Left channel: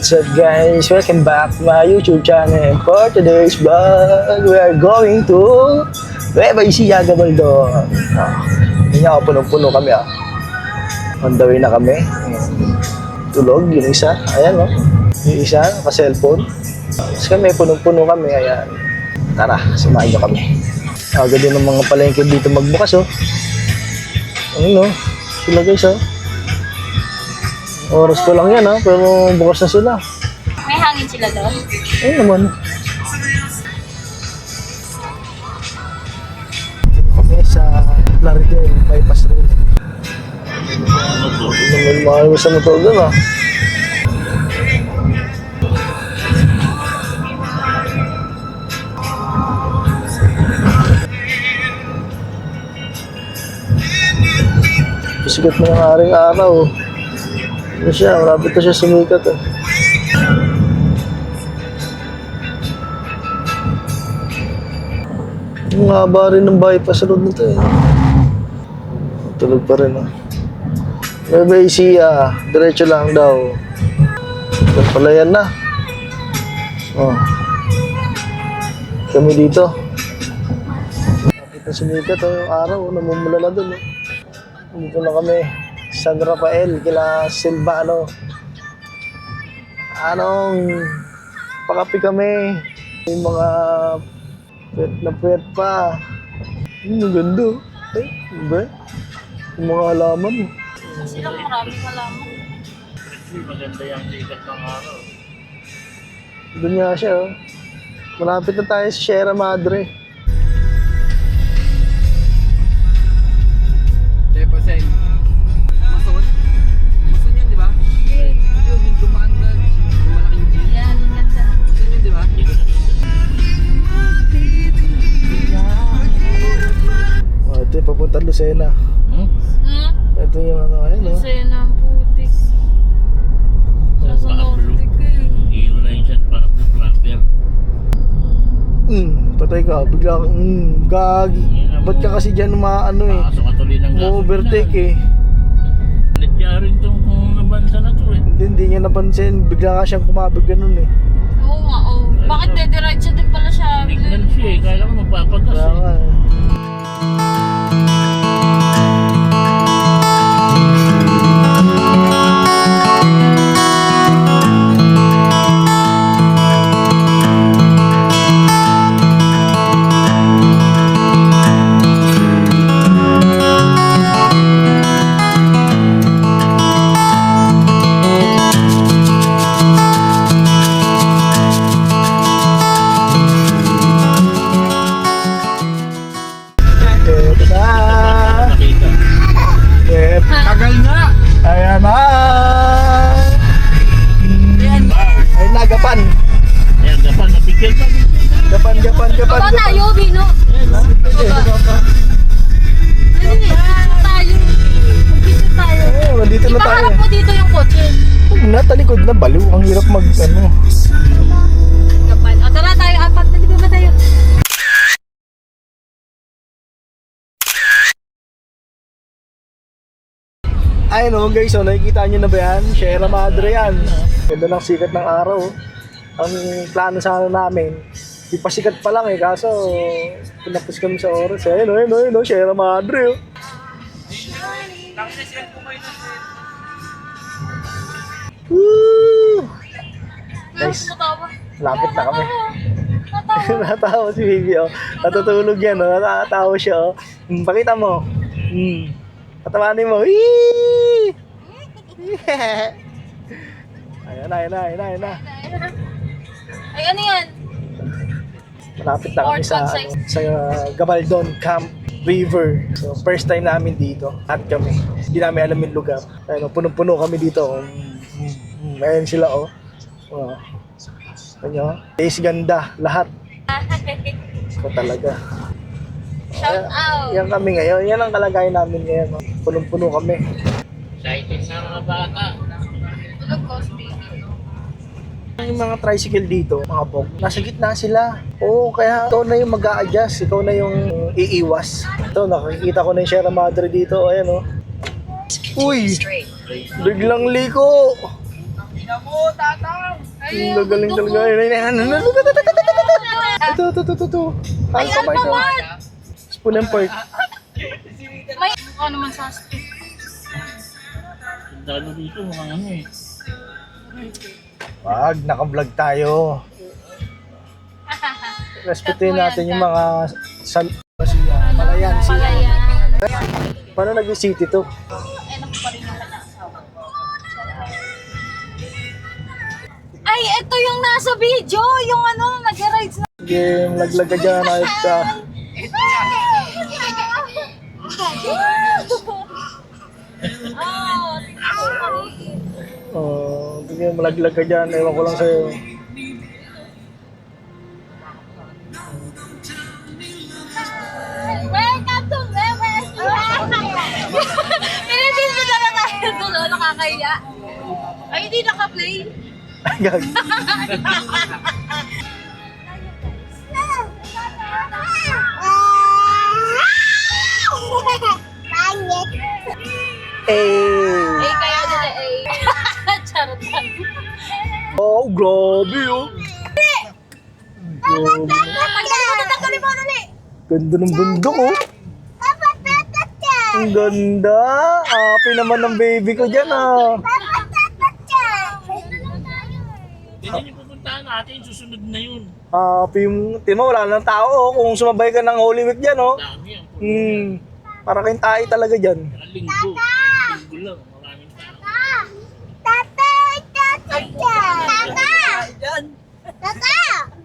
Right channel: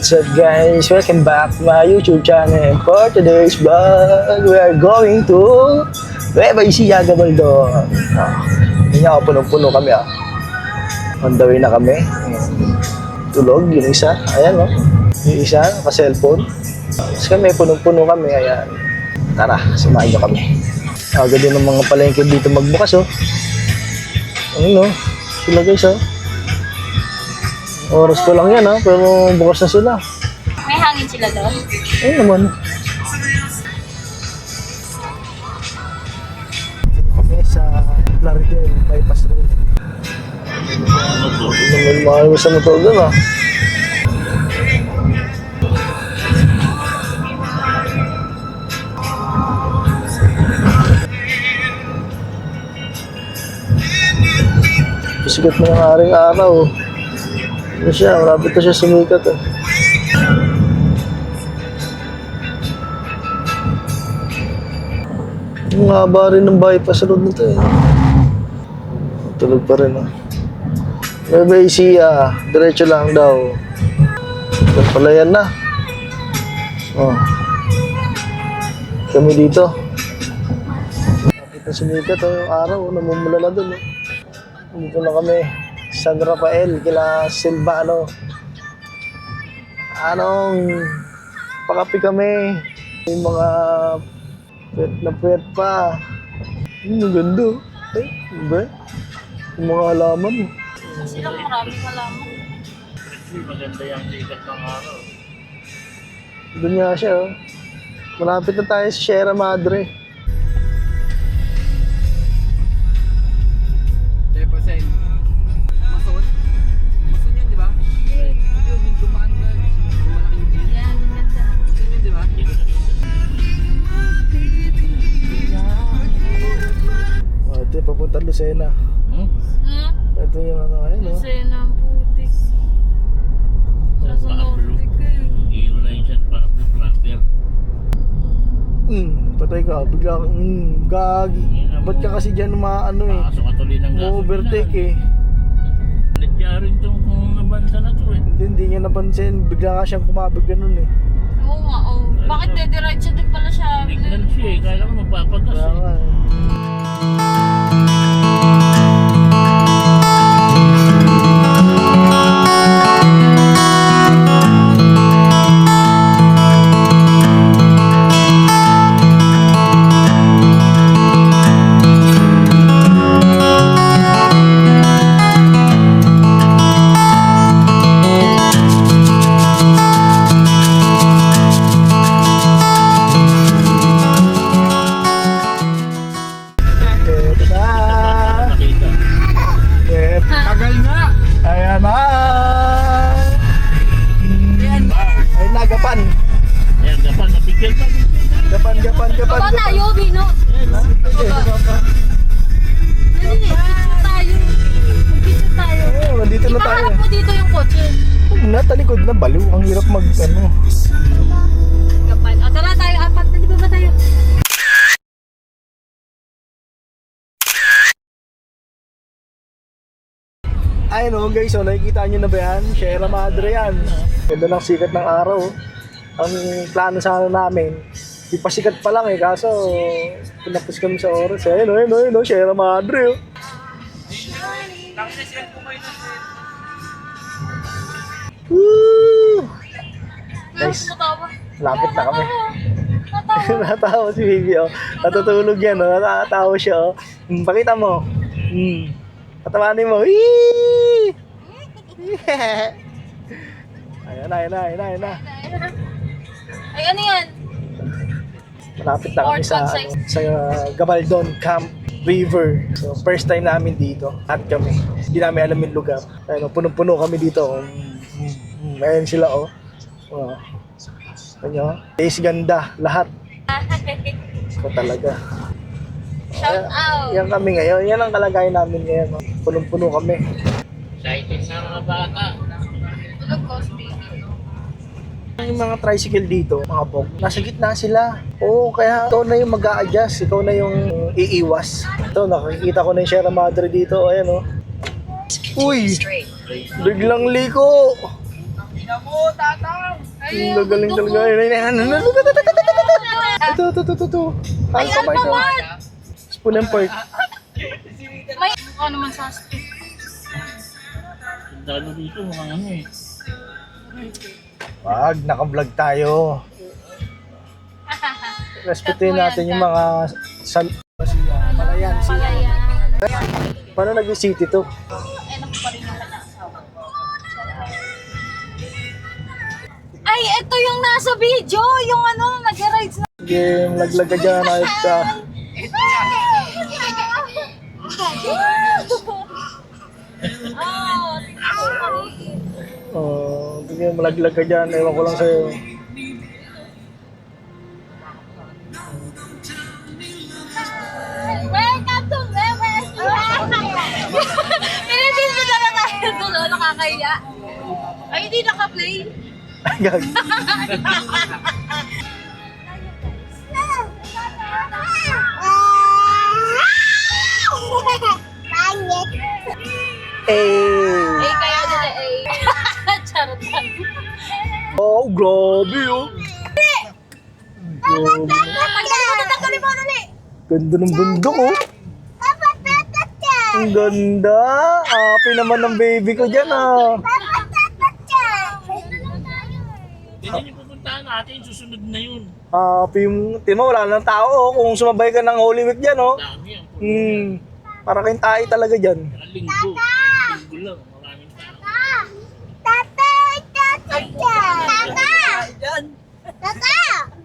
What's up guys? Welcome back to my YouTube channel. For today's vlog, we are going to Nueva Ecija, Gabaldon. Hindi ako punong-puno kami On the way na kami. Tulog, yung isa. Ayan yung isa, naka-cellphone. Tapos kami, punong-puno kami. Ayan. Tara, samahin nyo kami. Aga din ng mga palengke dito magbukas Ano sila guys Oras ko lang yan pero bukas na sila. May hangin sila doon? Ayun naman. Kami sa Plaridel, bypass road. Naman mahal mo sa motor doon Sikat mo ng aring araw. Ano siya, marapit na siya sumikat Ang haba rin ng bypass road na ito Tulog pa rin Nueva Ecija, diretso lang daw. Yan pala yan na. Kami dito. Marapit na sumikat yung araw, namumula na dun Dito na kami. San Rafael, kila Silvano. Pakapi kami. Yung mga puwet pa. Ang ganda. Ba? Yung mga halaman. Silang maraming halaman. Maganda yung sikat ng araw. Doon nga siya Malapit na tayo sa Sierra Madre. Ito papunta Lucena. Ito yung Lucena ang putik. Sa Nordic Iyo na yung San Pablo Flapper. Patay ka, bigla kang gagi. Ba't ka kasi dyan Pasok ka tuloy ng gasolina. overtake Nadya rin itong nabansa na to Hindi niya napansin, bigla ka siyang kumabig ganun Oo nga Bakit dediretso din pala siya? Tignan siya kaya ko magpapagas Kaya nga Nata likod na baliw. Ang hirap mag ano. Kapal. O tara tayo, apat na di ba tayo? Ayun o guys, so nakikita nyo na ba yan? Sierra Madre yan. Ganda ng sikat ng araw. Ang plano sana namin, di pa sikat pa lang eh, kaso pinapos kami sa oras. Ayun o, Sierra Madre o. Woo! Nice. Lapit na kami. Natawa si Bibi oh. Natutulog yan oh. Natatawa siya oh. Pakita mo. Patawanin mo. Wee! Ayan na. Ay, ano yan? Malapit na kami sa Gabaldon Camp River. So, first time namin dito. At kami. Hindi namin alam yung lugar. Ayun, punong-puno kami dito. Ayan sila oh. Oh. Ano? Taste ganda. Lahat. So, talaga. Shout out! Yan kami ngayon. Yan ang kalagayan namin ngayon. Oh. Punong-puno kami. Excited na mga bata. Tulog ko, baby. Yung mga tricycle dito, mga bog, nasa gitna sila. Oo, kaya ikaw na yung mag-a-adjust, ikaw na yung iiwas. Ito, nakikita ko na yung Sierra Madre dito. Ayan o. Uy! Biglang liko! Ang gagaling talaga. Ito. Ay, Alphamart! Spoon and pork. May ano naman sa Dalo dito mga ano eh. Wag, naka-vlog tayo. Respetuhin natin yung mga Malayan. Palayan. Paano nag-city to? Enak pa rin yung kanya-asawa. Ay, ito yung nasa video. Yung ano, nag-rides na. Game, laglag ka dyan. Ayos ka. Oh, sige, malaglag ka dyan. Ewan ko lang sa'yo. Welcome to Memes! Pinipin na tayo doon, nakakaya. Ay, hindi naka-play. Gag. Eh, kaya nila eh. Charot lang. Oh, grabe oh. Grabe. Tanggalin mo, dali. Ganda ng bundok oh. Ang ganda. Happy naman ng baby ko dyan ah. Hindi niyo pupuntahan natin, susunod na yun. Happy yung... Tingnan mo, wala ng tao oh. Kung sumabay ka ng Holy Week dyan oh. Dami ang Para kayong tayo talaga dyan. linggo. Linggo lang, maraming tao.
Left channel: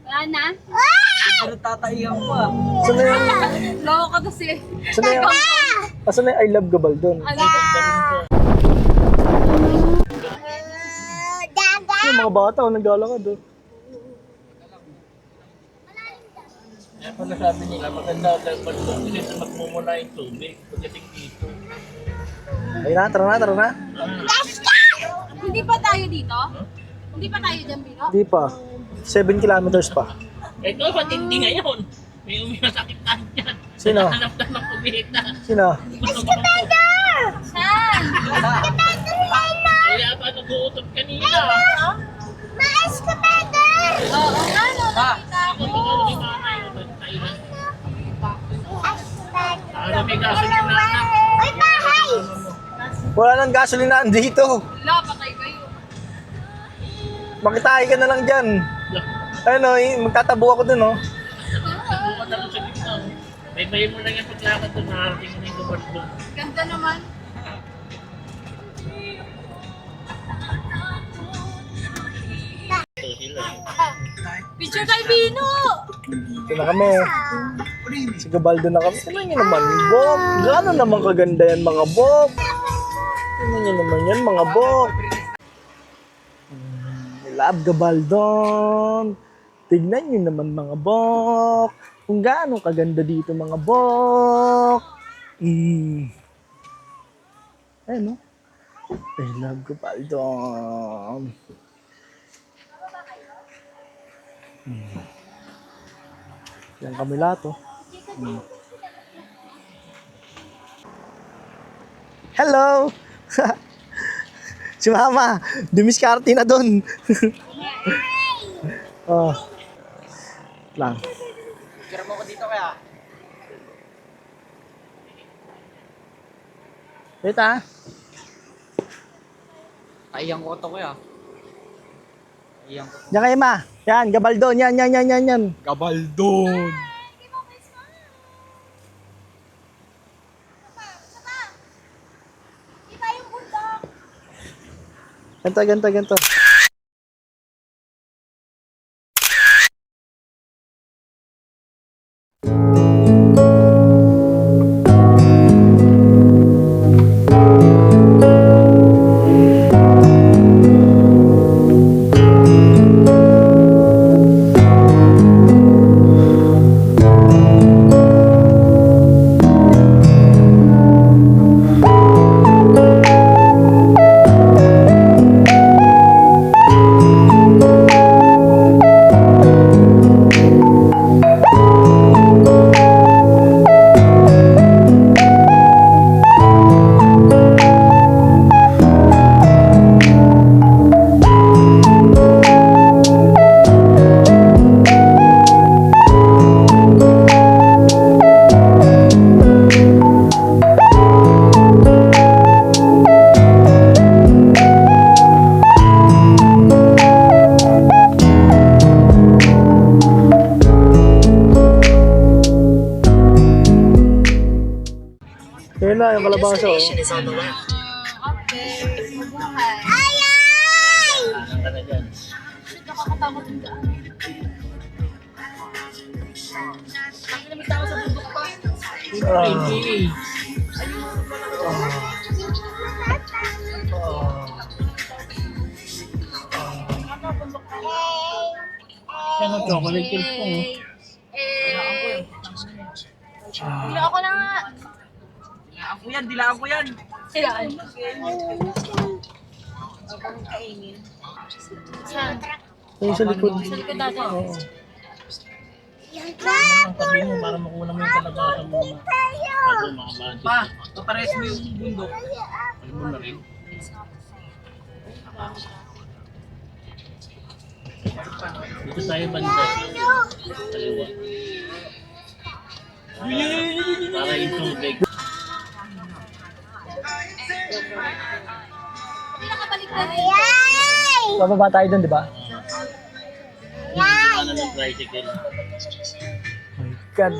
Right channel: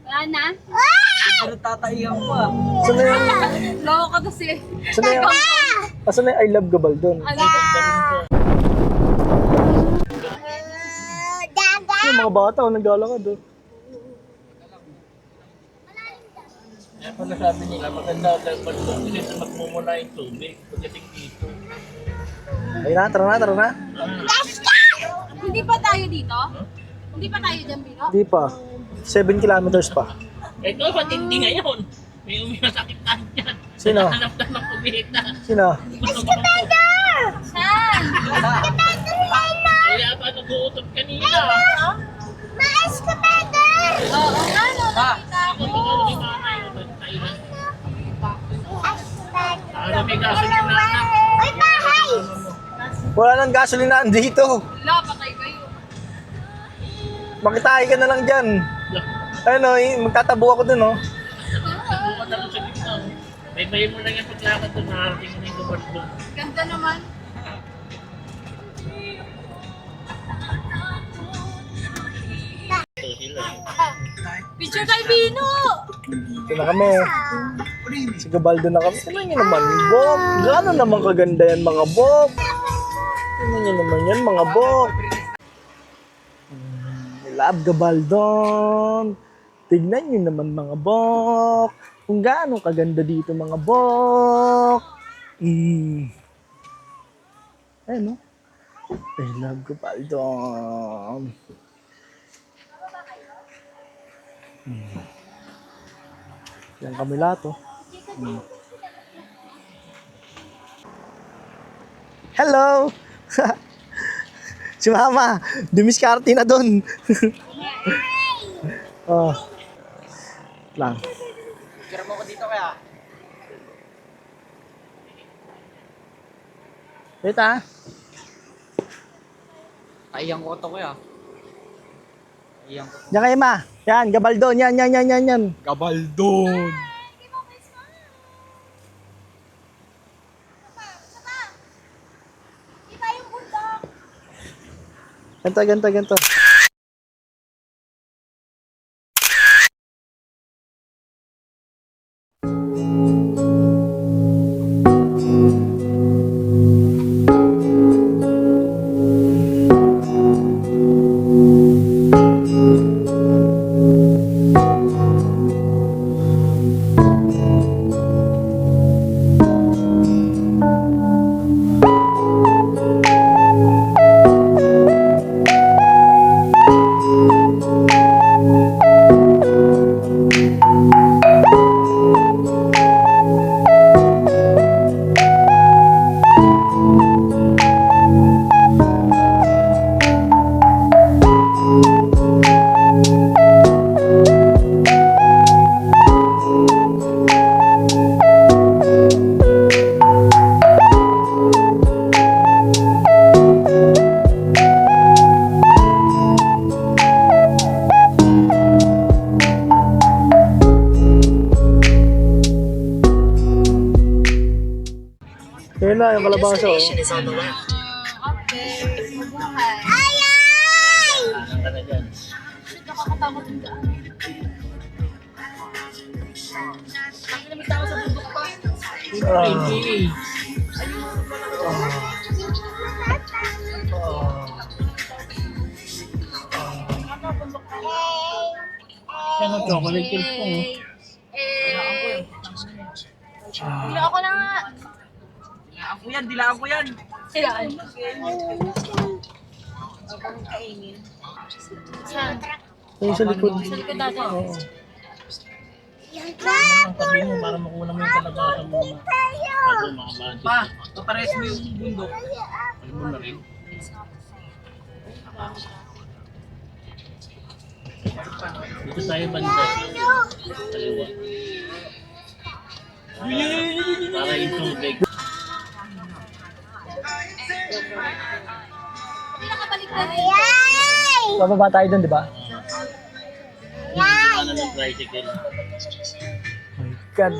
Wala na? Saan na yung... Loko ka kasi. Saan na yung... Saan na yung I love Gabaldon? Ano? Yung mga bata oh, naglalakad oh. Kaya pala sabi nila, maganda dapat kasi magmumula yung tubig pagdating dito. Ayun na, tara na. Hindi pa tayo dito? Hindi pa tayo dyan, Bino? Hindi pa. 7 kilometers pa. Ito, matindi ngayon. May umimasakit tayo dyan. Sino? Hanap na ng kumita. Sino? Saan? Kaya pa nag-uutot kanina. Oo nga, no, nakita ko. Ano may gasolina na? Wala nang gasolinaan dito. Wala, patay kayo. Makitahay ka na lang dyan. Ano, magtatabo ako dun oh. Bukan na lang sa gitna. Baybayin mo lang yung paglakad doon. Nakarating mo na yung lugar doon. Ganda naman. Ito sila. Picture kay Bino! Ito na kami. Si Gabaldo na kami. Tignan nyo naman, Bok. Gano'n naman kaganda yan, mga Bok. Tignan nyo naman yan, mga Bok. Love Gabaldon. Tignan nyo naman, mga Bok. Kung gaano kaganda dito, mga Bok. Ayun, no? I love Gabaldon. Yan kami lahat, oh. Hello! Si Mama, dumiskarte na doon. Oh. Lang. Kira mo ko dito kaya? Wait ah. Ayang ko to kuya. Ayang ko. Diyan kayo, Ma. Yan, Gabaldon. Yan. Gabaldon! Iba yung bundok. Ganto. Ayun na, yung kalabasa, oh. Okay. Mabuhay. Anong ka na dyan? Nakakatakot yung daan. Ang lamig tao sa bundok pa. Hindi. Yan ang chocolate chips ko. Dila ako na nga. Dilaan ko yan. Silaan. Saan? Ayun sa likod. Sa likod natin. Oo. Ang tabi mo para makuha mo yung kalabasa mo. Bago makabadget. Pa, papares mo yung bundok. Alam mo na rin. Dito tayo banda. Kaliwa. Para yung tubig. Hindi nakabalik na rin. Bababa tayo doon, di ba? Ano ng tricycle. My God.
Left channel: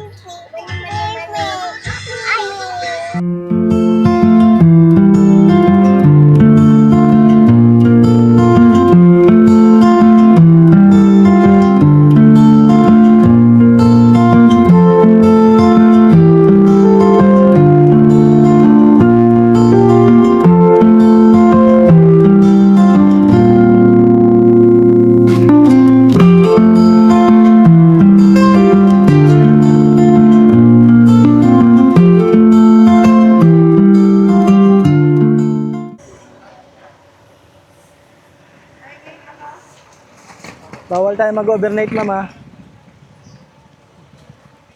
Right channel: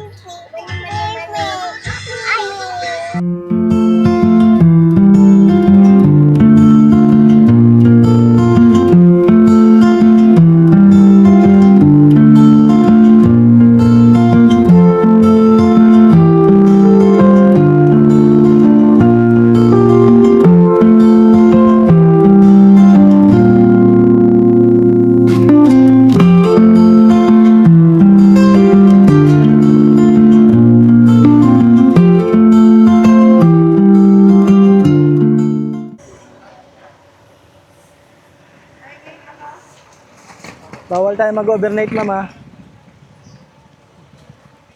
Bawal tayo mag-overnight, Mama.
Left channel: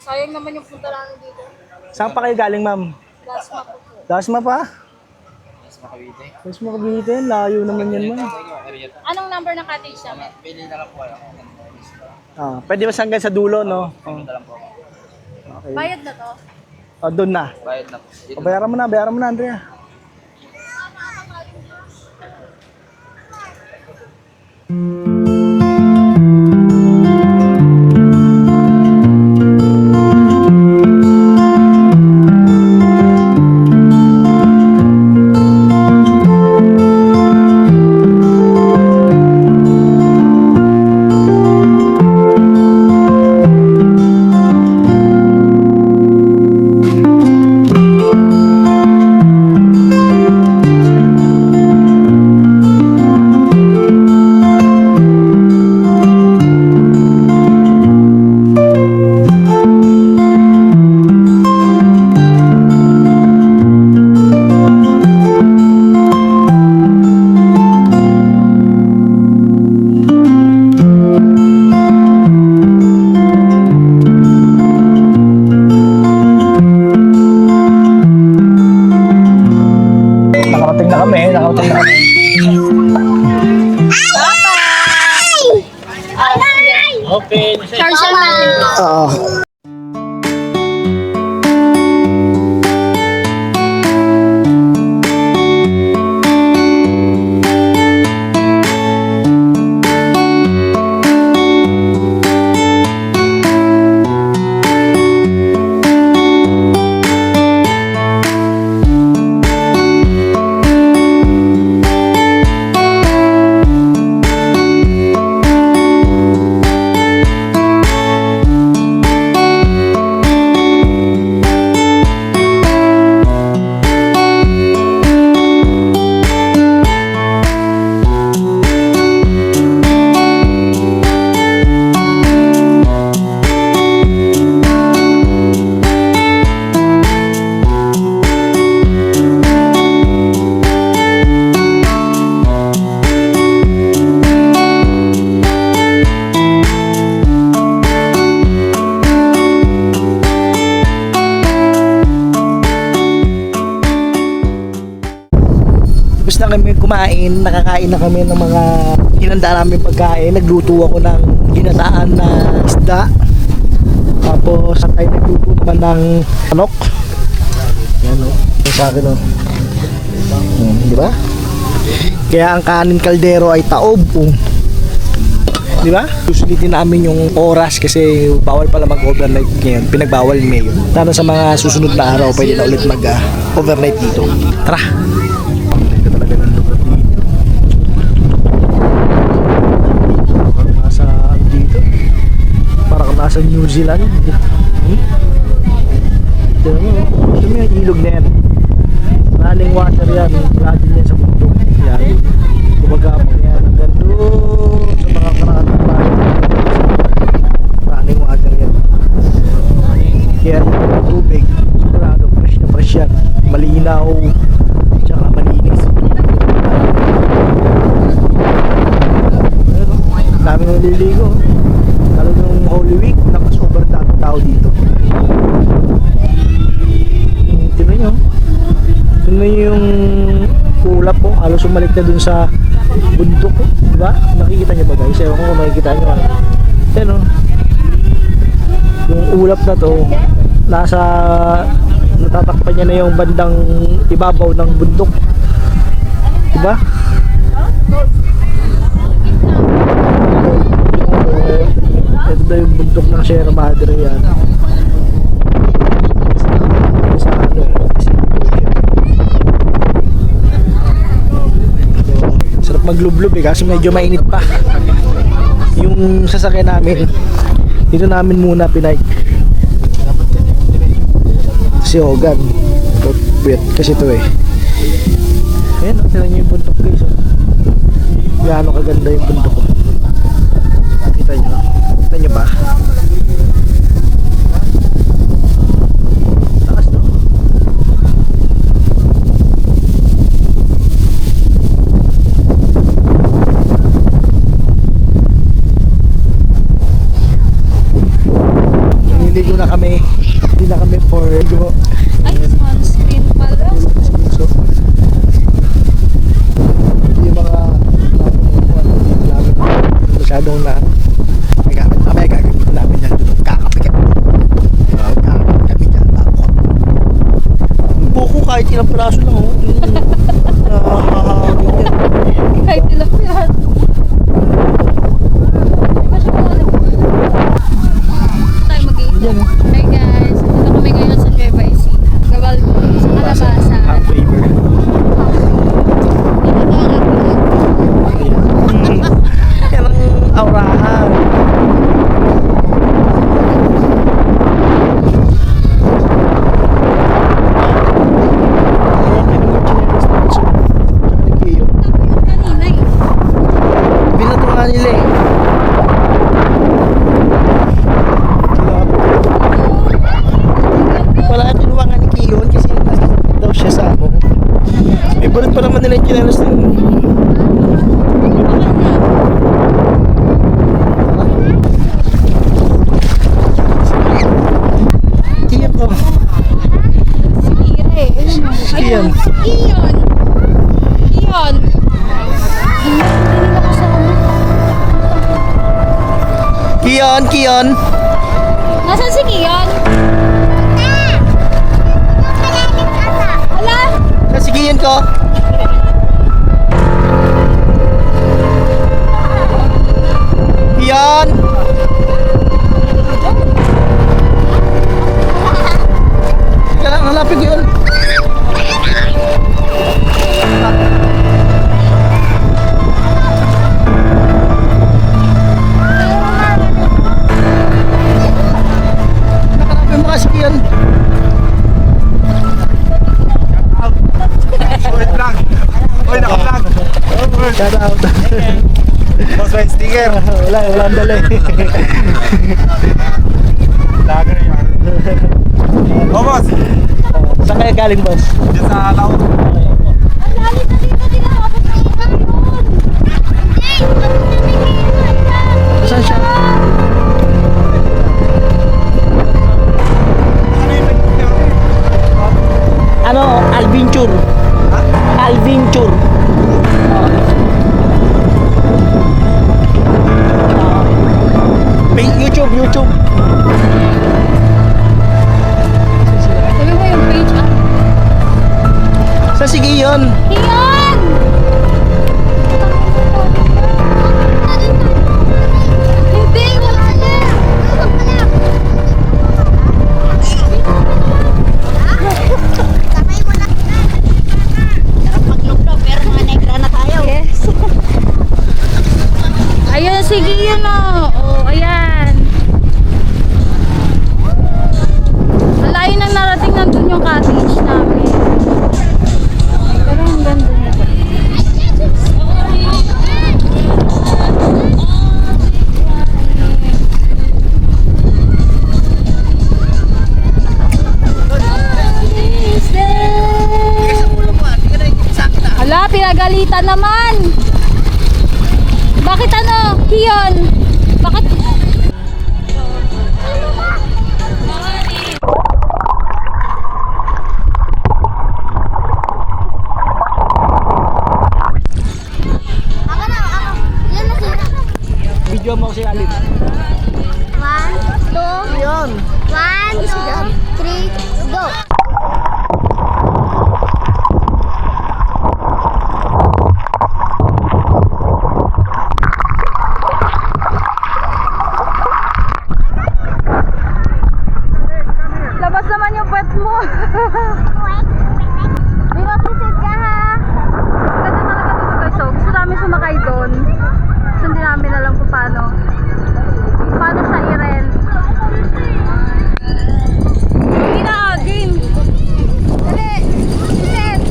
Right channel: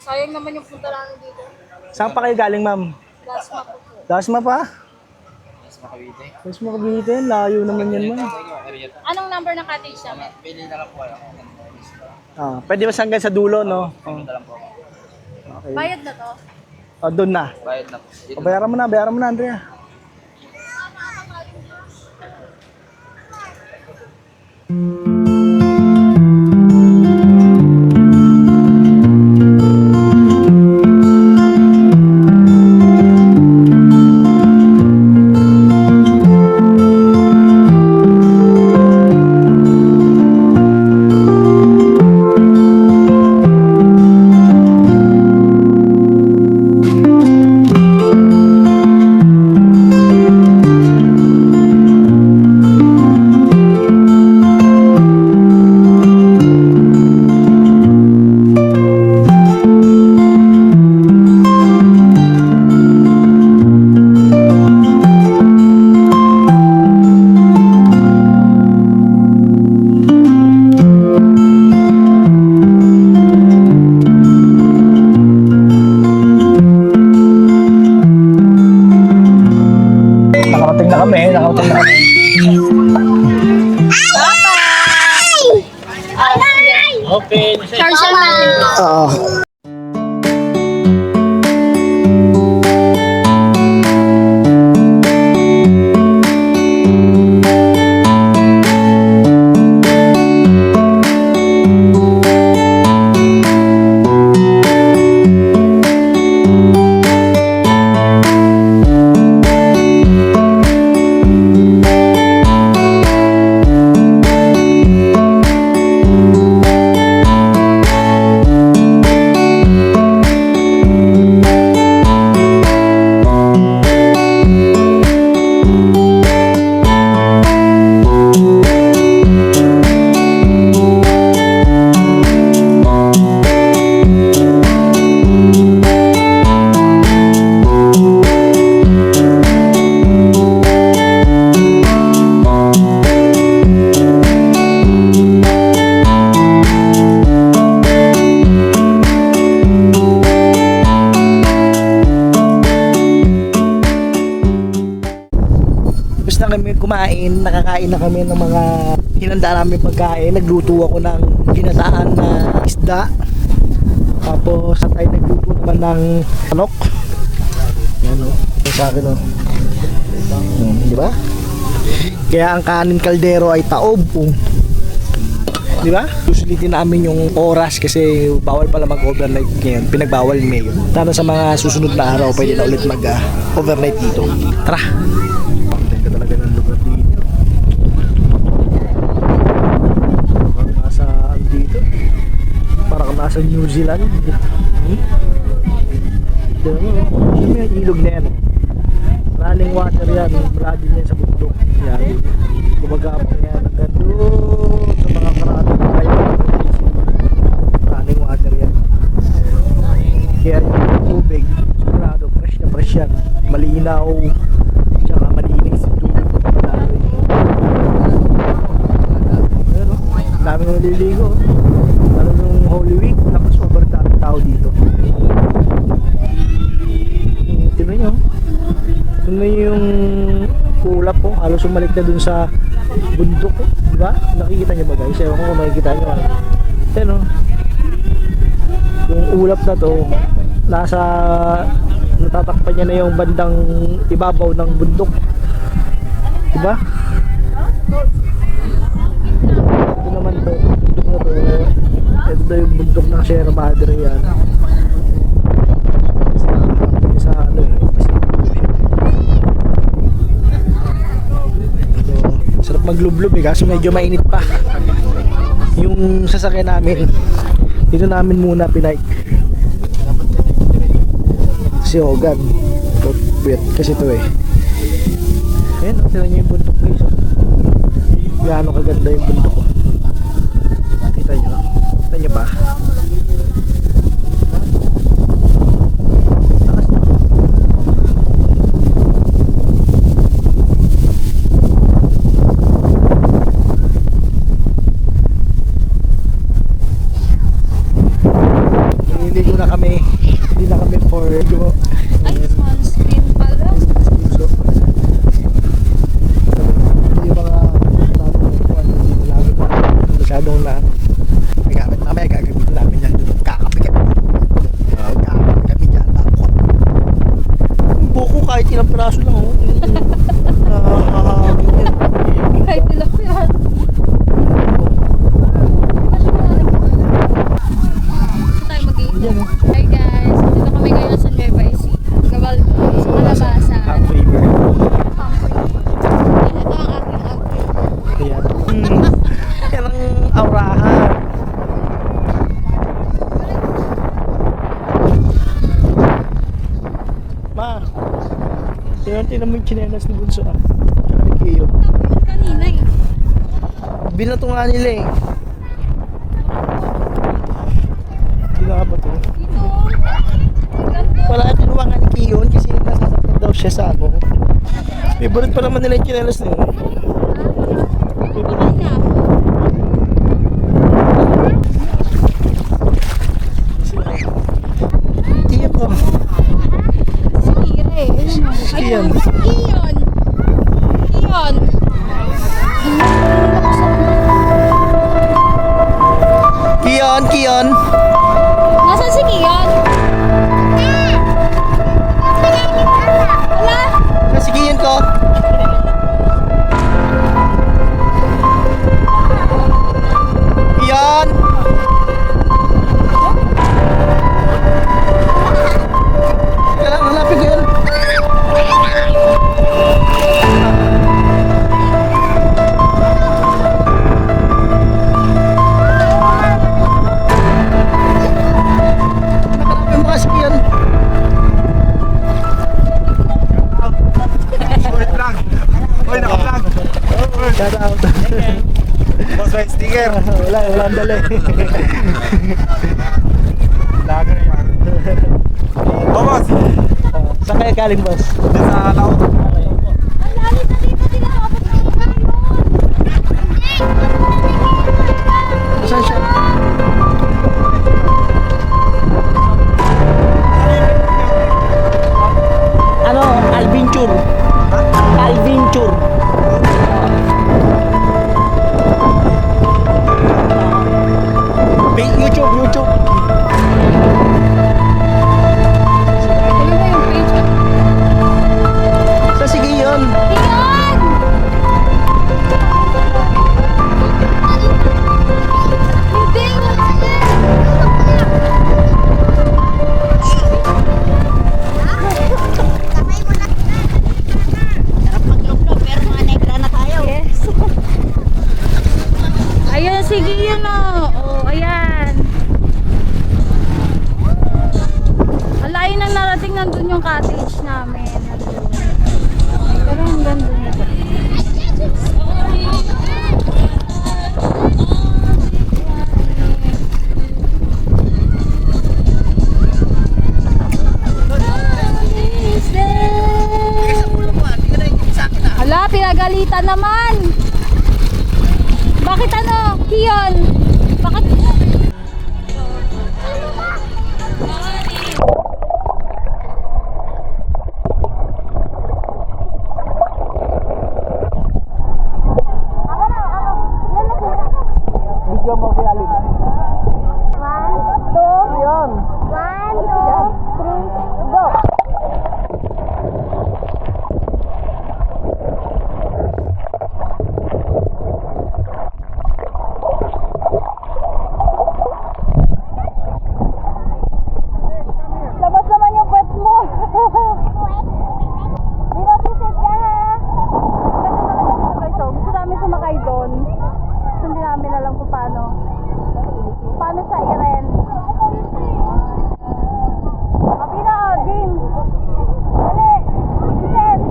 Sayang naman yung punta namin dito. Saan pa kayo galing, Ma'am? Dasma po po. Dasma pa? Mas makawite. Dasma Cavite. Layo naman yan, Ma'am. Anong number ng cottage namin? Pili na lang po kayo. Ah, pwede ba hanggang sa dulo, no? Oh, Pili na lang po ako. okay. Bayad na to? Oh, doon na. Bayad na po. O, bayaran mo na, Andrea. kami, nakautang na kami. Okay, Charge natin. Oo. Tapos na kami kumain, nakakain na kami ng mga hinanda namin pagkain. Nagluto ako ng ginataan na isda. Tapos ay nagluto naman ng manok. Yan o, sa akin o. Di ba? Kaya ang kanin kaldero ay taob o. Di ba? Susulitin namin yung oras kasi bawal pala mag-overnight ngayon. Pinagbawal ngayon. Sana sa mga susunod na araw pwede na ulit mag-overnight dito. Tara! Ganda talaga ng lugar dito. Parang nasa dito. Parang nasa New Zealand. Tignan mo. Tignan mo yung ilog na yan. Running water yan. Wala din yan sa bundok. Yan. Gumagapang yan hanggang doon sa mga karating bayan. Running water yan. Kaya yung tubig, sigurado fresh na fresh yan. Malinaw, tsaka malinis. Pero, dami nang naliligo. Lalo nung Holy Week, nakasober daming tao dito. Tignan nyo. Tignan yung ulap po, halos umalik na dun sa bundok ko, diba? Nakikita nyo ba guys? Ewan ko kung makikita nyo. Yan o. Yung ulap na to, nasa natatakpan niya na yung bandang ibabaw ng bundok. Diba? Ito na yung bundok ng Sierra Madre yan. Sa ano eh. Sarap maglublob eh kasi medyo mainit pa. Yung sasakyan namin dito namin muna pinike si Hogan wait kasi ito eh. Ayan o, tira nyo yung bundok guys o. Gaano kaganda yung bundok ko. Kita nyo ba? Taas na ko. Nililigo na kami. Hindi na kami for ligo. Ay, sunscreen pala. So, yung mga dito namin masyadong na gamit mamaya gagamitin namin yan dito. Kakapikit. Kakapikit kami dyan. Bakot. Yung buko kahit ilang piraso lang oh. Nakakahangin yan. Kahit ilang yan. Tayo mag-iingat. Yan oh. Hi guys, dito kami ngayon sa Nueva Ecija. Gabal sa Kalabasan. Half favor. Ito ang aking Ayan. Yan ang aurahan. Ayan, tinan mo yung chinelas na gusto. Tsaka ni Kiyo. kanina eh. Binato nga nila eh. Kilabot. Wala kinuha nga ni Kiyon kasi nasasakit daw siya sa ako. Favorite pa naman nila yung chinelas na yun. Kiyon ko. Si Kira eh. Si Kiyon. Si Kiyon. Kion. Nasaan si Kion? Hala? Sa si Kion ko. Kion. Teka lang, hanapin ko yun. Nakalapin mo kasi Kion. Wait lang. Uy, naka-vlog. Shout out. Boss, may sticker. Walang dala eh. Lager yan. Oh, boss. Saan kayo galing, boss? Diyan sa Lao. Ang lalim na dito, di na makapag na yun. Saan siya? Ano yung pinag niyo? Ano? Alvinture. Ha? Alvinture. YouTube. Sabi mo yung page, ah. Sa sige yun. Kion! Hindi, wala yan. Kamay mo na. Sarap maglublob, pero mga negra na tayo. Yes. Ayun, sige yun oh. Oh, ayan. Ang layo nang narating nandun yung cottage namin. Pero ang ganda nito. Hala, pinagalitan naman. Bakit ano, Kion? Bakit? Video mo si Alim. 1, 2, Yun. 1, 2, 3, go! Labas naman yung pet mo. Binosisid ka ha. Ganda talaga dito guys. So, gusto namin sumakay doon. So, hindi namin alam kung paano. Paano siya i-rent. Hindi na, game. Dali. Set.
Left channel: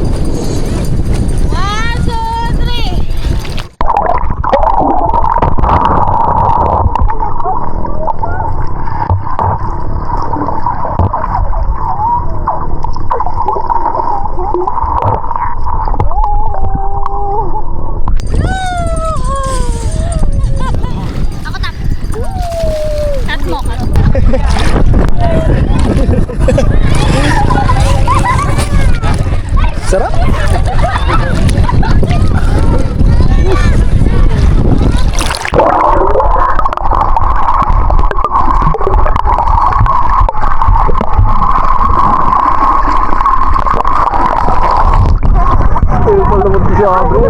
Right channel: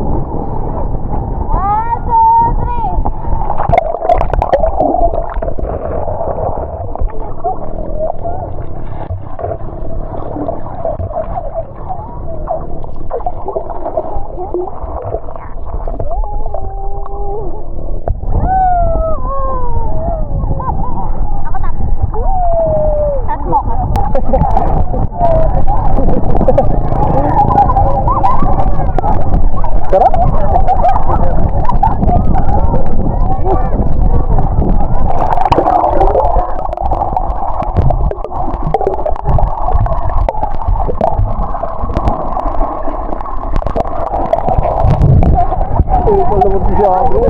1, 2, 3. Ako na. Cut mo. Sarap. Palabot siya bro.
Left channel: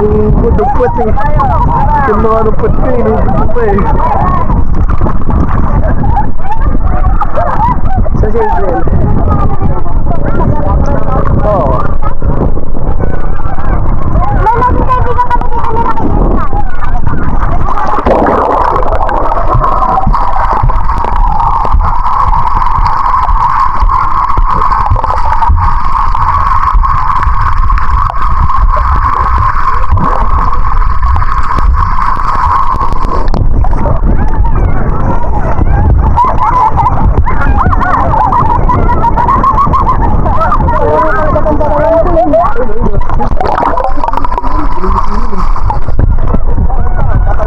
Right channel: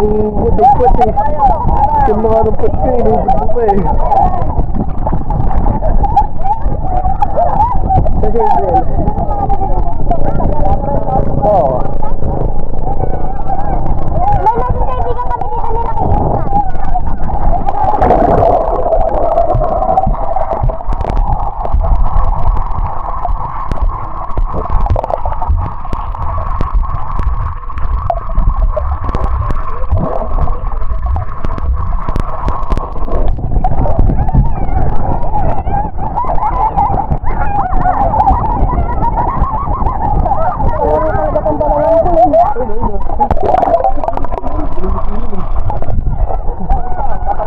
Yung dugpot eh. Yung mga dugpot ko, inubod pa eh. Sa Shell. Oo. May naging kaibigan kami dito nila kay Yesna.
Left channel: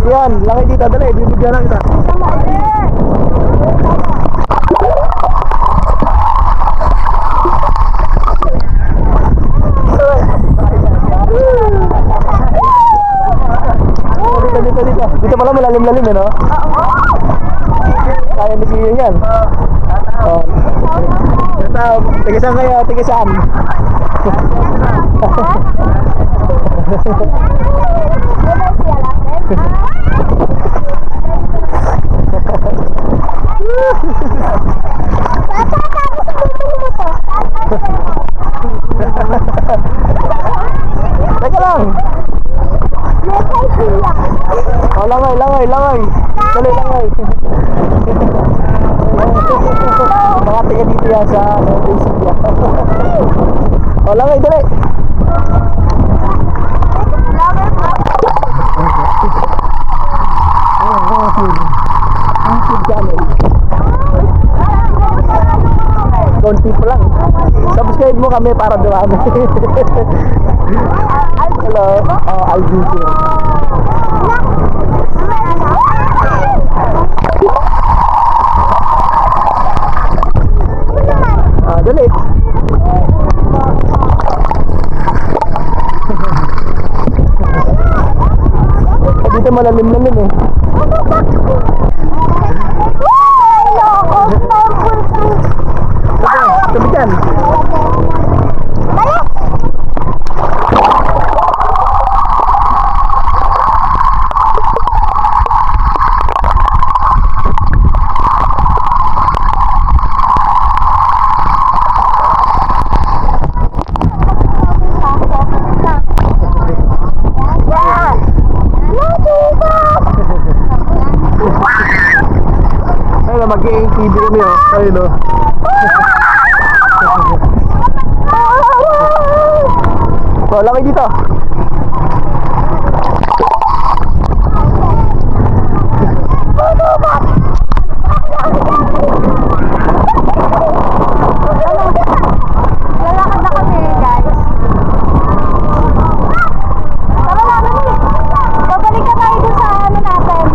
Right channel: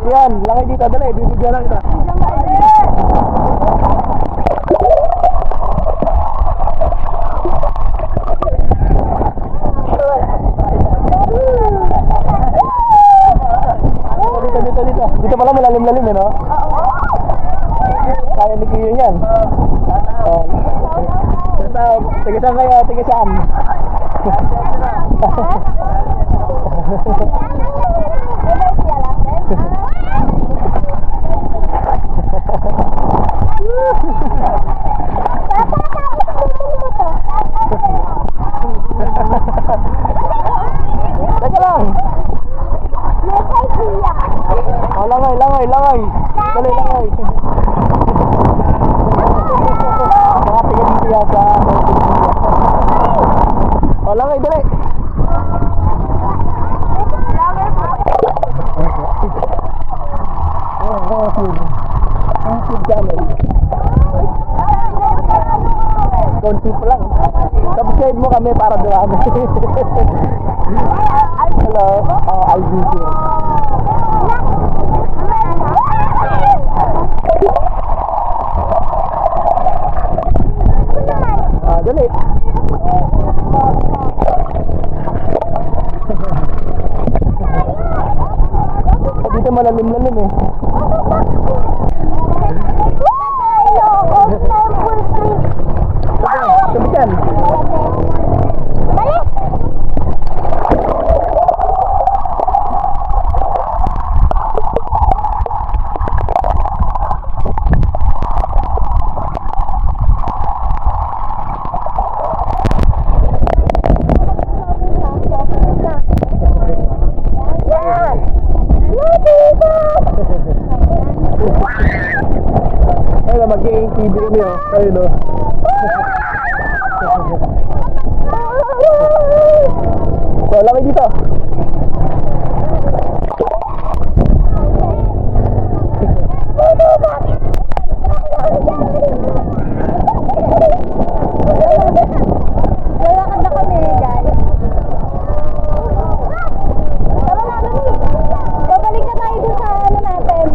Yan, laki dito, dali, bibigyan lang kita. Dito. malalim-lalim eh, no? Kaya ni Kuya yan. Oh. Tiga saan kayo? Tiga saan? Teka lang. Oh, langay. Dali, langay. Nakatiga dito yan sa Basilia. Oh, langay, dali. YouTube channel. Konti pa lang. Subscribe mo kami para dumami. Hello. Oh, Alvin. Dali. Dito malalim-lalim eh. Sabi dyan. Ayun, mag-i-TV kami oh. Ayun oh. So, laki dito. Lalakad na kami, guys. Tara na, dali. Babalik ka tayo dun sa ano natin.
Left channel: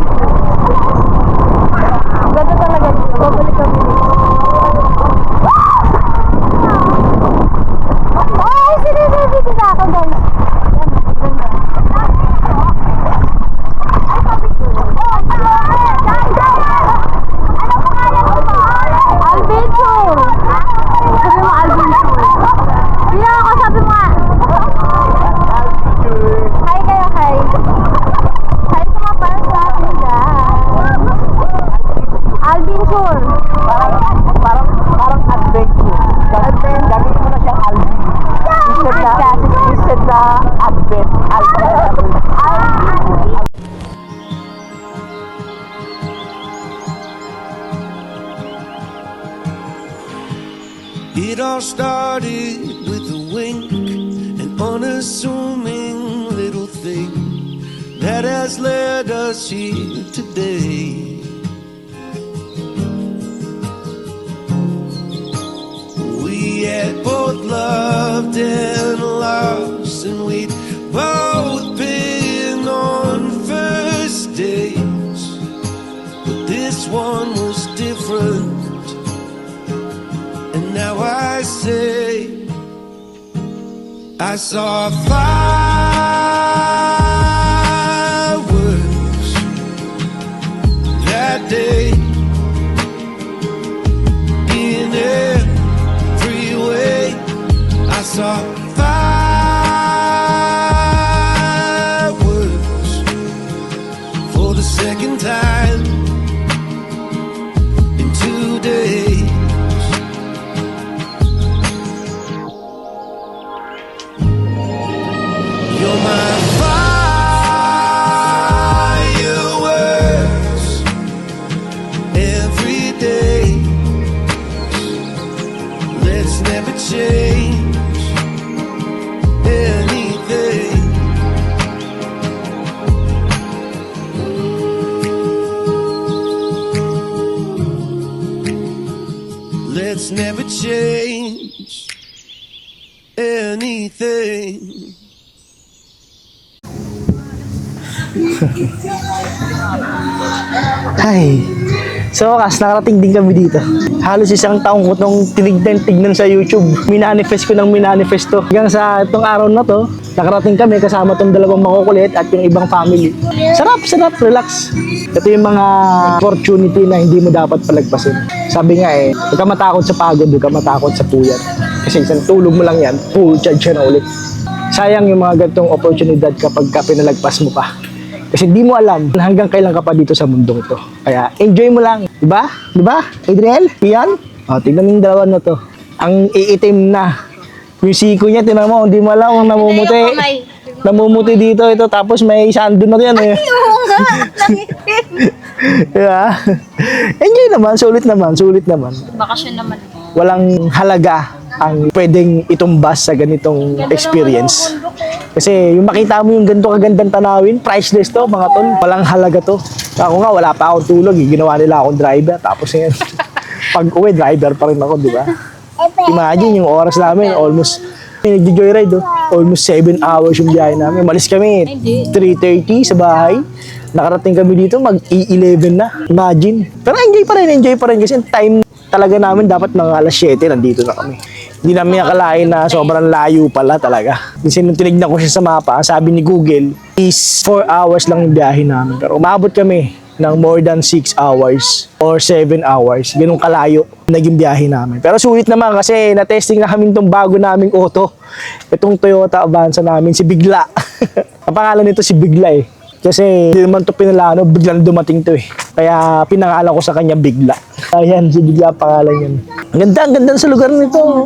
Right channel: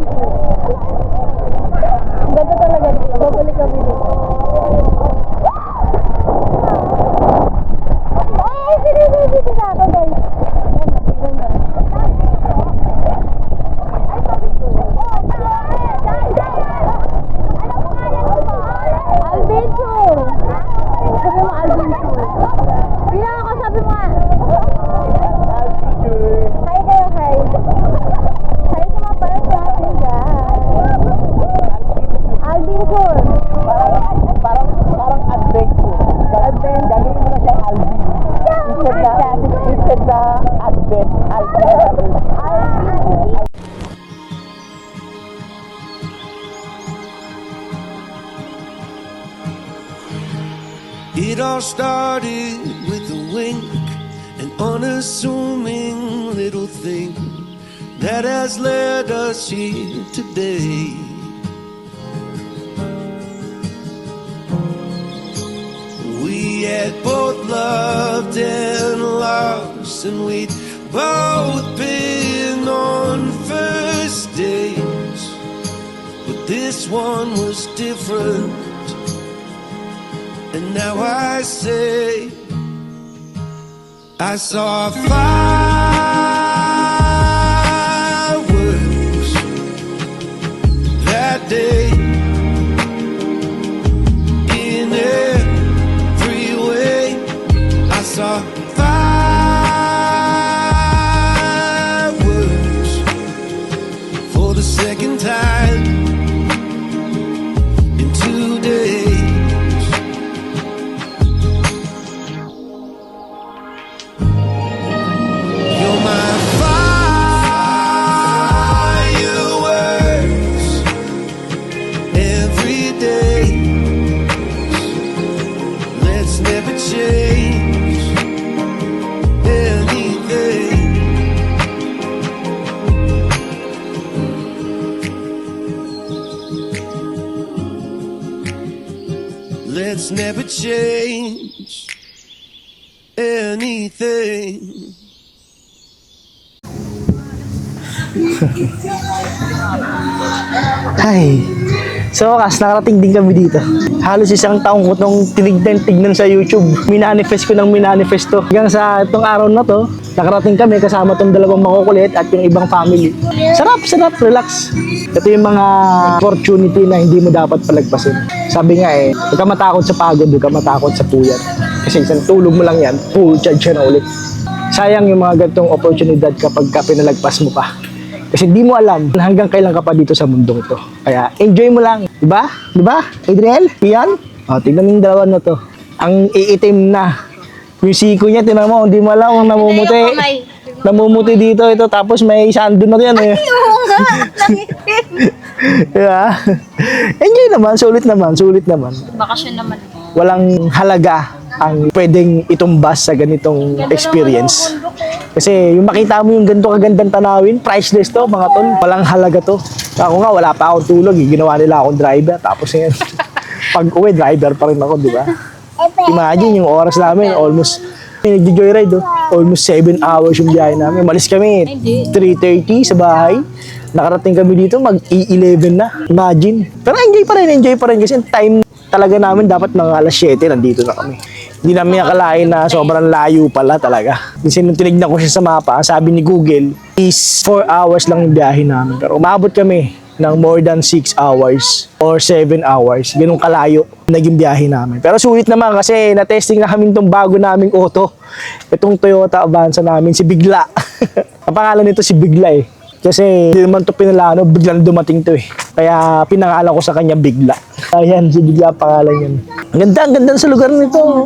Ganda talaga dito. Babalik kami dito. Ay, sinisisit na ako, guys. Yan, ganda. Ay, sabi ko. Ano pangalan mo? Alvin Chur. Sabi mo Alvin Chur. Hindi na ako, sabi mo nga. Hi kayo, hi. Hi sa mga fans natin dyan. Alvin Chur. Parang adventure. Gagawin mo na siyang Alvin. Instead na advent. Alvin. It all started with a wink, an unassuming little thing that has led us here today. We had both loved and lost, and we'd both been on first dates, but this one was different. And now I say, I saw fireworks that day in every way. I saw fireworks for the second time in 2 days. You're my fireworks every day. Let's never change anything. Let's never change anything. Ay, so wakas, nakarating din kami dito. Halos isang taong ko itong tignan sa YouTube. Minanifest ko ng minanifest to. Hanggang sa itong araw na to, Nakarating kami kasama tong dalawang makukulit at yung ibang family. Sarap, relax. Ito yung mga opportunity na hindi mo dapat palagpasin. Sabi nga huwag ka matakot sa pagod, huwag ka matakot sa puyat. Kasi isang tulog mo lang yan, full charge na ulit. Sayang yung mga ganitong oportunidad kapag ka pinalagpas mo pa. Kasi di mo alam hanggang kailan ka pa dito sa mundong ito. Kaya enjoy mo lang. Diba? Diba? Adriel? Ian? O, tignan mo yung dalawa na to. Ang iitim na. Yung siko niya, tinan mo, hindi mo alam kung namumuti. Namumuti dito ito. Tapos may sando na yan eh. Oo nga. Diba? Enjoy naman. Sulit naman. Bakasyon naman. Walang halaga ang pwedeng itumbas sa ganitong experience. Kasi yung makita mo yung ganito kagandang tanawin, priceless to mga tol. Walang halaga to. Ako nga, wala pa akong tulog. Ginawa nila akong driver. Tapos yan, pag uwi, driver pa rin ako, di ba? Imagine yung oras namin, almost, nag-joyride, almost 7 hours yung biyahe namin. Malis kami, 3:30 sa bahay. Nakarating kami dito, mag-11 na. Imagine. Pero enjoy pa rin kasi time talaga namin dapat mga alas 7 nandito na kami. Hindi namin akalain na sobrang layo pala talaga. Kasi nung tinignan ko siya sa mapa, sabi ni Google, is 4 hours lang yung biyahe namin. Pero umabot kami ng more than 6 hours or 7 hours. Ganun kalayo naging biyahe namin. Pero sulit naman kasi na-testing na kami itong bago naming auto. Itong Toyota Avanza namin, si Bigla. Ang pangalan nito si Bigla eh. Kasi hindi naman ito pinalano, biglang dumating to eh. Kaya pinangalan ko sa kanya Bigla. Ayan, si Bigla pangalan yan. Ang ganda sa lugar nito.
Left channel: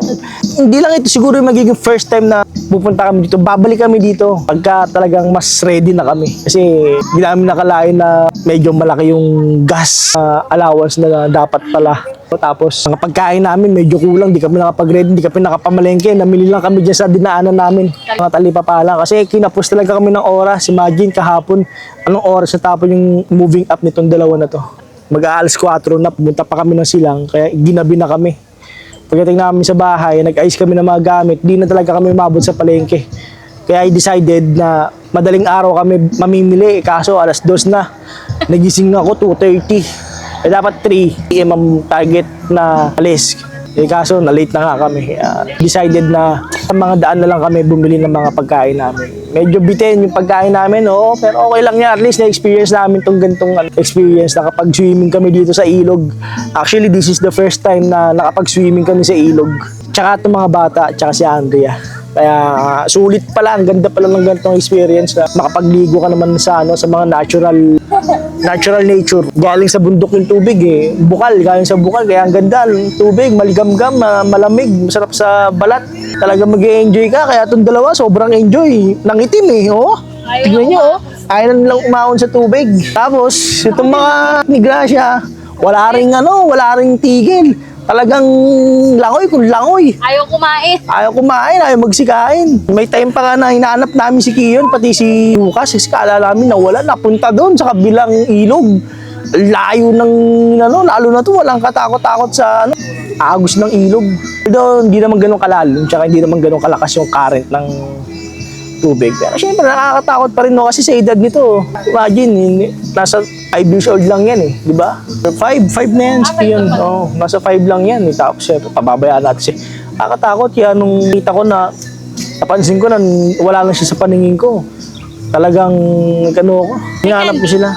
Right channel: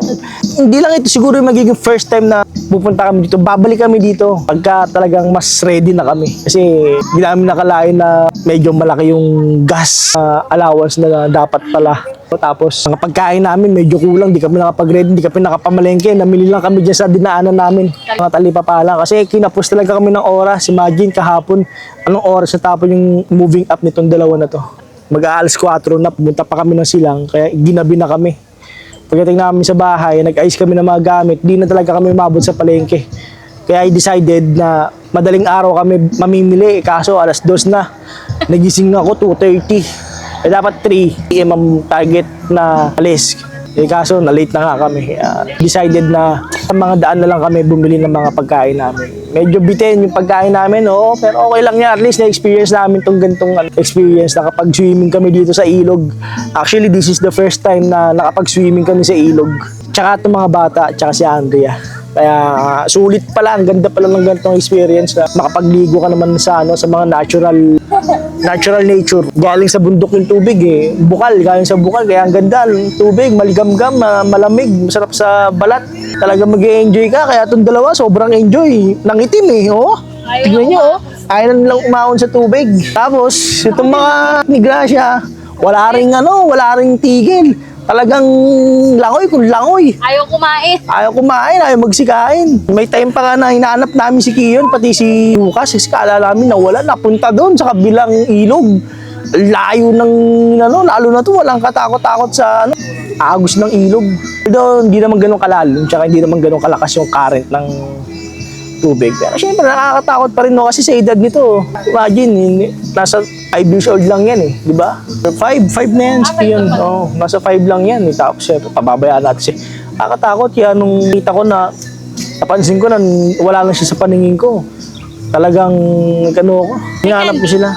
Hindi lang ito siguro yung magiging first time na pupunta kami dito. Babalik kami dito pagka talagang mas ready na kami. Kasi hindi namin nakalain na medyo malaki yung gas allowance na dapat pala. Tapos ang pagkain namin medyo kulang, di kami nakapag-ready, di kami nakapamalengke. Namili lang kami dyan sa dinaanan namin. Mga talipapa lang. Kasi kinapos talaga kami ng oras. Imagine kahapon, anong oras na tapos yung moving up nitong dalawa na to. Mag-aalas 4 na, pumunta pa kami ng silang, kaya ginabi na kami. Pagdating namin sa bahay, nag-ayos kami ng mga gamit, di na talaga kami umabot sa palengke. Kaya I decided na madaling araw kami mamimili, kaso alas 2 na. Nagising ako 2:30. Dapat 3 PM ang target na alis. Kaso na-late na nga kami. Decided na sa mga daan na lang kami bumili ng mga pagkain namin. Medyo bitin yung pagkain namin, oo, pero okay lang yan. At least na-experience namin itong gantong experience na kapag swimming kami dito sa ilog. Actually, this is the first time na nakapag-swimming kami sa ilog. Tsaka itong mga bata, tsaka si Andrea. Kaya sulit pala, ang ganda pala ng ganitong experience na makapagligo ka naman sa mga natural nature. Galing sa bundok yung tubig eh. Galing sa bukal, kaya ang ganda ng tubig, maligamgam, malamig, masarap sa balat. Talaga mag-e-enjoy ka, kaya itong dalawa sobrang enjoy. Nangitim eh, oh. Tignan nyo, oh. Ayaw na nilang umahon sa tubig. Tapos, itong mga Nigracia, wala ring tigil. Talagang langoy kung langoy. Ayaw kumain. Ayaw magsikain. May time pa nga na hinahanap namin si Kiyon, pati si Lucas. Kasi kaalala namin nawala, napunta doon sa kabilang ilog. Layo ng, lalo na to, walang katakot-takot sa, agos ng ilog. Pero hindi naman ganun kalalim, tsaka hindi naman ganun kalakas yung current ng tubig. Pero syempre, nakakatakot pa rin, no? Kasi sa edad nito, imagine, nasa 5 years old lang yan eh, di ba? 5 na yan, si Kiyon. Oh, nasa 5 lang yan. Tapos syempre, pababayaan natin siya. Nakakatakot yan nung kita ko na, napansin ko na wala lang siya sa paningin ko. Talagang, ko, hinahanap ko sila.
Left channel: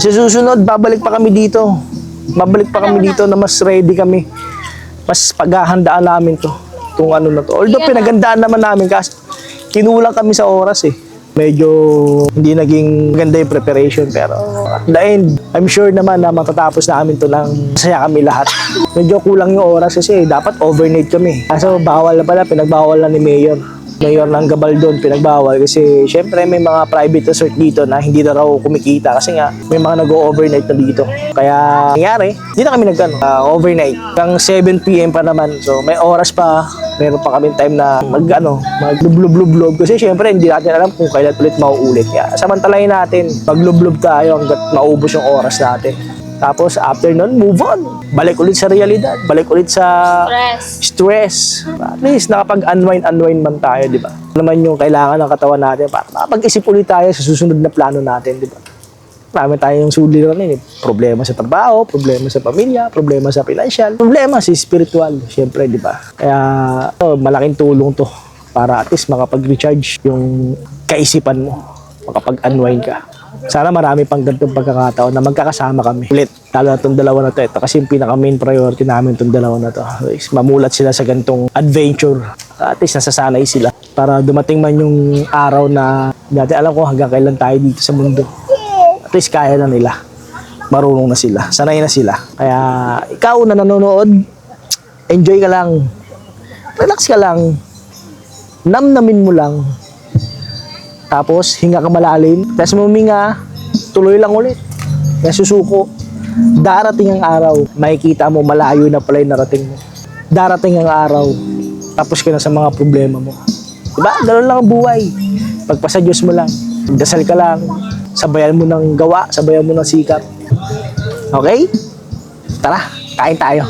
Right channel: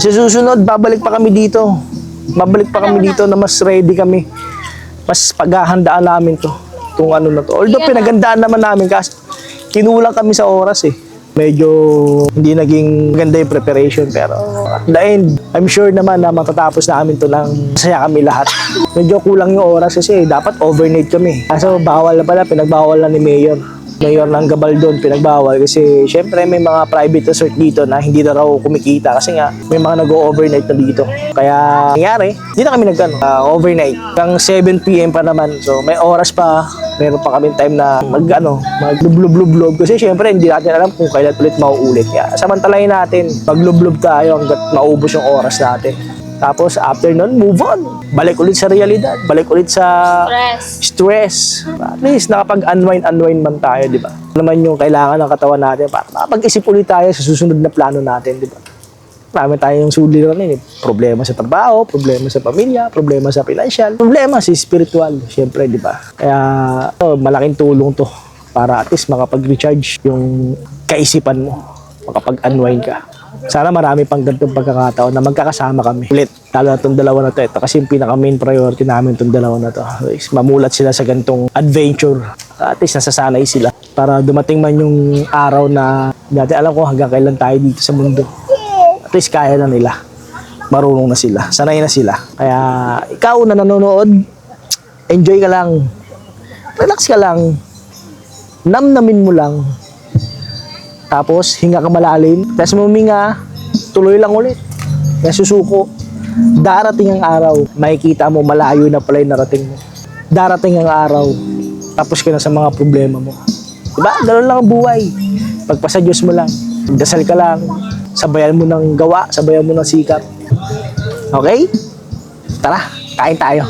Sa susunod, babalik pa kami dito. Na mas ready kami. Mas paghahandaan namin to. Itong na to. Although pinagandaan naman namin kasi kinulang kami sa oras eh. Medyo hindi naging maganda yung preparation. Pero at the end, I'm sure naman na matatapos namin to ng masaya kami lahat. Medyo kulang yung oras kasi dapat overnight kami. Kaso bawal na pala, pinagbawal na ni Mayor ng Gabaldon, pinagbawal kasi syempre may mga private resort dito na hindi na raw kumikita kasi nga may mga nag-overnight na dito. Kaya nangyari, hindi na kami overnight. Hanggang 7 PM pa naman. So may oras pa, meron pa kami time na maglublob kasi syempre hindi natin alam kung kailan ulit mauulit. Kaya samantalahin natin, maglublob tayo hanggat maubos yung oras natin. Tapos after nun, move on. Balik ulit sa realidad. Balik ulit sa stress. At least nakapag-unwind man tayo, di ba? Ano naman yung kailangan ng katawan natin para makapag-isip ulit tayo sa susunod na plano natin, di ba? Marami tayong suliranin eh. Problema sa trabaho, problema sa pamilya, problema sa financial, problema sa spiritual, syempre, di ba? Kaya, malaking tulong to para at least makapag-recharge yung kaisipan mo, makapag-unwind ka. Sana marami pang ganitong pagkakataon na magkakasama kami ulit. Lalo na itong dalawa na to. Ito kasi yung pinaka-main priority namin itong dalawa na to. Is mamulat sila sa ganitong adventure. At least nasasanay sila. Para dumating man yung araw na dati alam ko hanggang kailan tayo dito sa mundo. At least kaya na nila. Marunong na sila. Sanay na sila. Kaya ikaw na nanonood, enjoy ka lang. Relax ka lang. Namnamin mo lang. Tapos hinga ka malalim. Tapos huminga, tuloy lang ulit. Kaya susuko. Darating ang araw, makikita mo malayo na pala yung narating mo. Darating ang araw, tapos ka na sa mga problema mo. Diba? Ganun lang ang buhay. Pagpasa Diyos mo lang. Dasal ka lang. Sabayan mo ng gawa, sabayan mo ng sikap. Okay? Tara, kain tayo.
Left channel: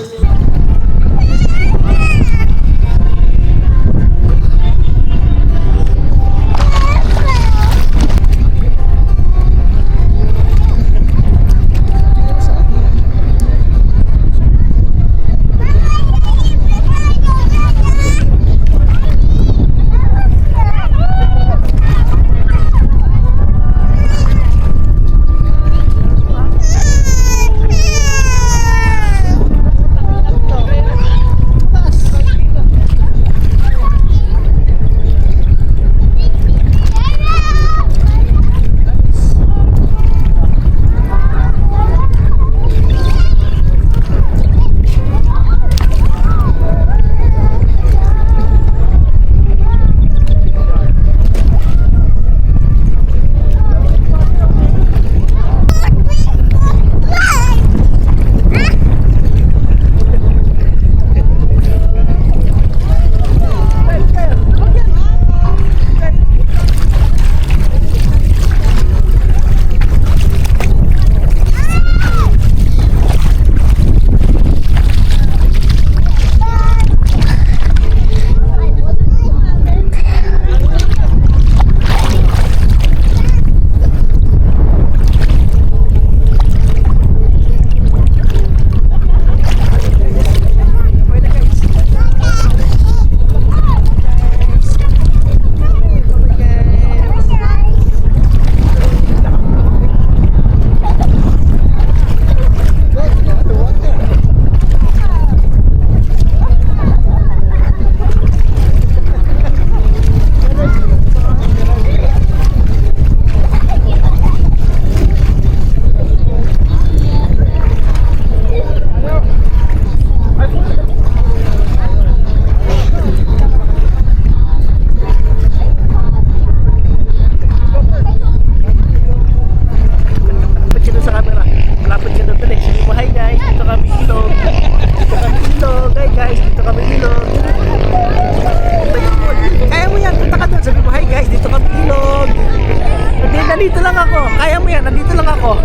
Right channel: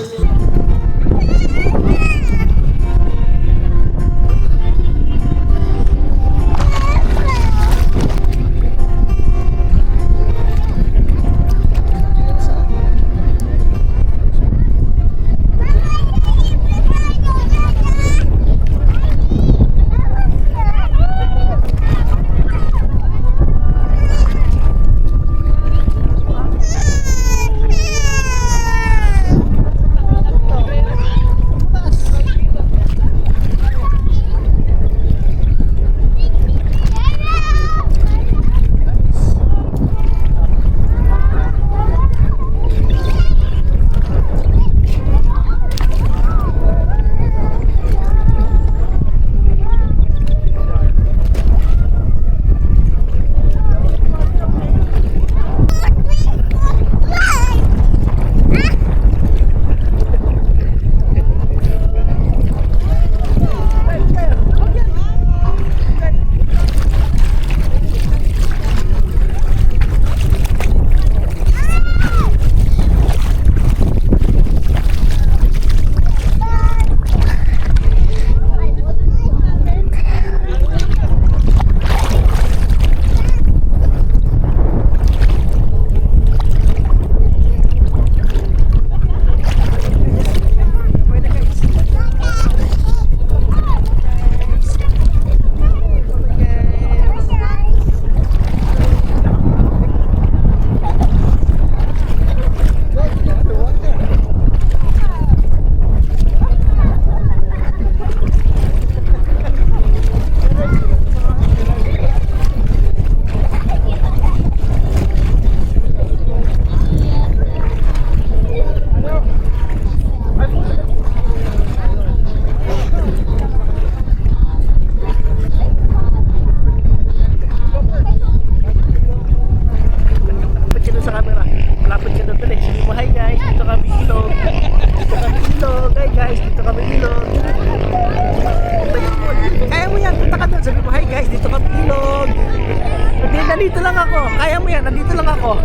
Nandito lang ako. Kaya mo yan. Nandito lang ako.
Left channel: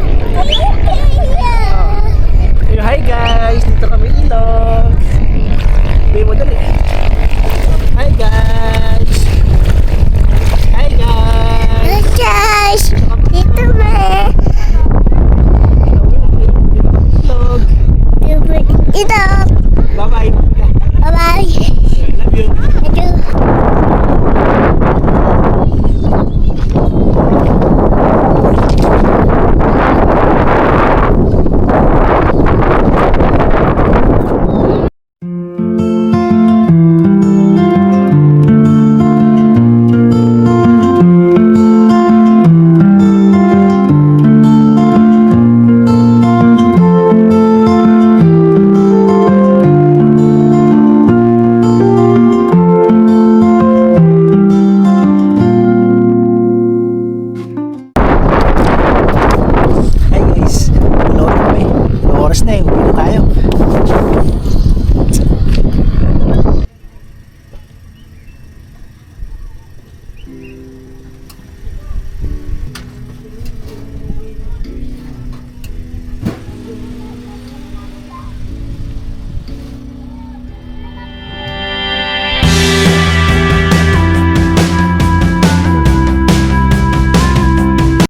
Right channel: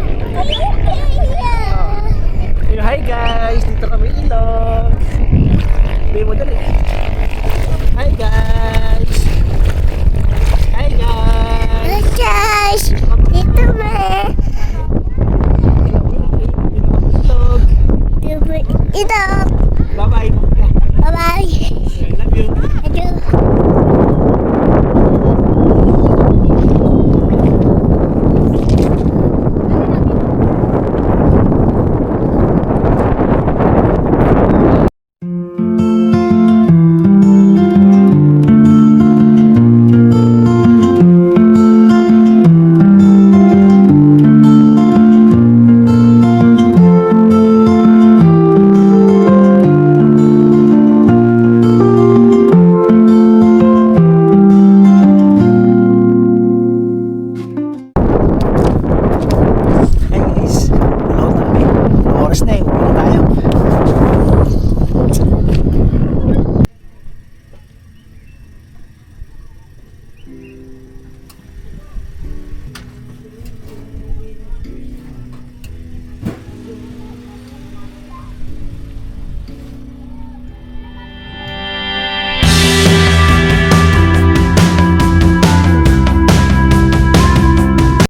Hi guys. Dito kami ilog. Sabi mo dali. Hi guys. Hi guys. Hey guys! Dito ba? Dito kami ilog. Ito. Bye bye. Bye-bye. I love you. Ito.